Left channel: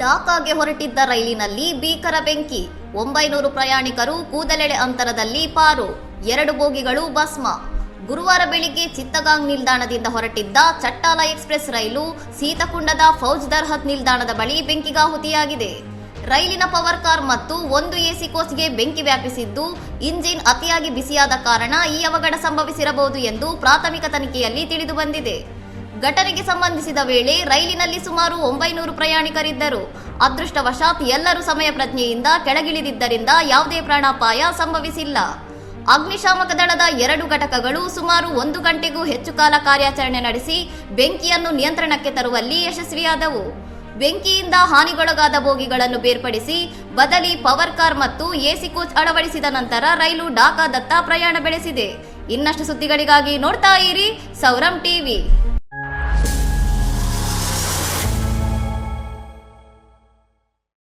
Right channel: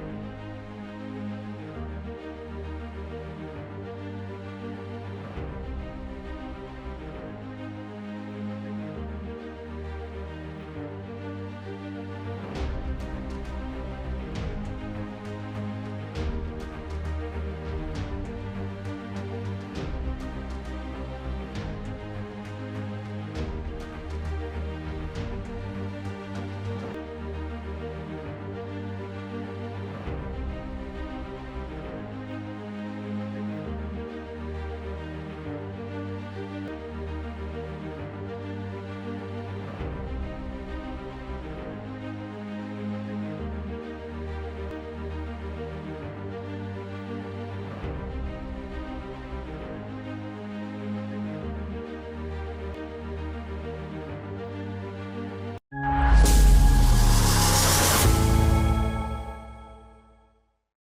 ಢಾಕಾಗೆ ಹೊರಟಿದ್ದ ರೈಲಿನಲ್ಲಿ ಭೀಕರ ಬೆಂಕಿ, 900 ಪ್ರಯಾಣಿಕರು ಕೂದಲೆಳೆ ಅಂತರದಲ್ಲಿ ಪಾರು, 2 ಬೋಗಿಗಳು ಭಸ್ಮ. ಗುರುವಾರ ಬೆಳಿಗ್ಗೆ ಚಿತ್ತಗಾಂಗ್ ನಿಲ್ದಾಣದಿಂದ ಹೊರಟಿದ್ದ ಚಟ್ಟಾಲ ಎಕ್ಸ್ಪ್ರೆಸ್ ರೈಲು ಸೀತಕುಂಡದ ಫೌಜ್ ದರ್ಹತ್ ನಿಲ್ದಾಣದ ಬಳಿ ಬೆಂಕಿಗಾಹುತಿಯಾಗಿದೆ. ರೈಲಿನ ಪವರ್ ಕಾರ್ ಮತ್ತು 1 ಎಸಿ ಕೋಚ್ಗೆ ಬೆಂಕಿ ವ್ಯಾಪಿಸಿದ್ದು, ಇಂಜಿನ್ ಅತಿಯಾಗಿ ಬಿಸಿಯಾದ ಕಾರಣ ಈ ಅವಘಡ ಸಂಭವಿಸಿರಬಹುದು ಎಂದು ಪ್ರಾಥಮಿಕ ತನಿಖೆಯಲ್ಲಿ ತಿಳಿದು ಬಂದಿದೆ. ಘಟನೆಗೆ ಸಂಬಂಧಿಸಿದ ವೇಳೆ ರೈಲಿನಲ್ಲಿ ಸುಮಾರು 900 ಪ್ರಯಾಣಿಕರಿದ್ದರು. ಅದೃಷ್ಟವಶಾತ್ ಎಲ್ಲರೂ ಸಮಯ ಪ್ರಜ್ಞೆಯಿಂದ ಕೆಳಗಿಳಿದಿದ್ದರಿಂದ ಯಾವುದೇ ಪ್ರಾಣಾಪಾಯ ಸಂಭವಿಸಿಲ್ಲ. ಅಗ್ನಿಶಾಮಕ ದಳದ 2 ಘಟಕಗಳು ಸುಮಾರು 1 ಗಂಟೆಗೂ ಹೆಚ್ಚು ಕಾಲ ಕಾರ್ಯಾಚರಣೆ ನಡೆಸಿ ಬೆಂಕಿಯನ್ನು ನಿಯಂತ್ರಣಕ್ಕೆ ತರುವಲ್ಲಿ ಯಶಸ್ವಿಯಾದವು. ಬೆಂಕಿಯಿಂದ ಹಾನಿಗೊಳಗಾದ ಬೋಗಿಗಳನ್ನು ಬೇರ್ಪಡಿಸಿ ಬದಲಿ ಪವರ್ ಕಾರ್ ಮತ್ತು ಎಸಿ ಕೋಚ್ ಅಳವಡಿಸಿದ ನಂತರ ರೈಲು ಢಾಕಾದತ್ತ ಪ್ರಯಾಣ ಬೆಳೆಸಿದೆ. ಇನ್ನಷ್ಟು ಸುದ್ದಿಗಳಿಗಾಗಿ ನೋಡ್ತಾ ಇರಿ ಸೌರಂ ಟಿವಿ.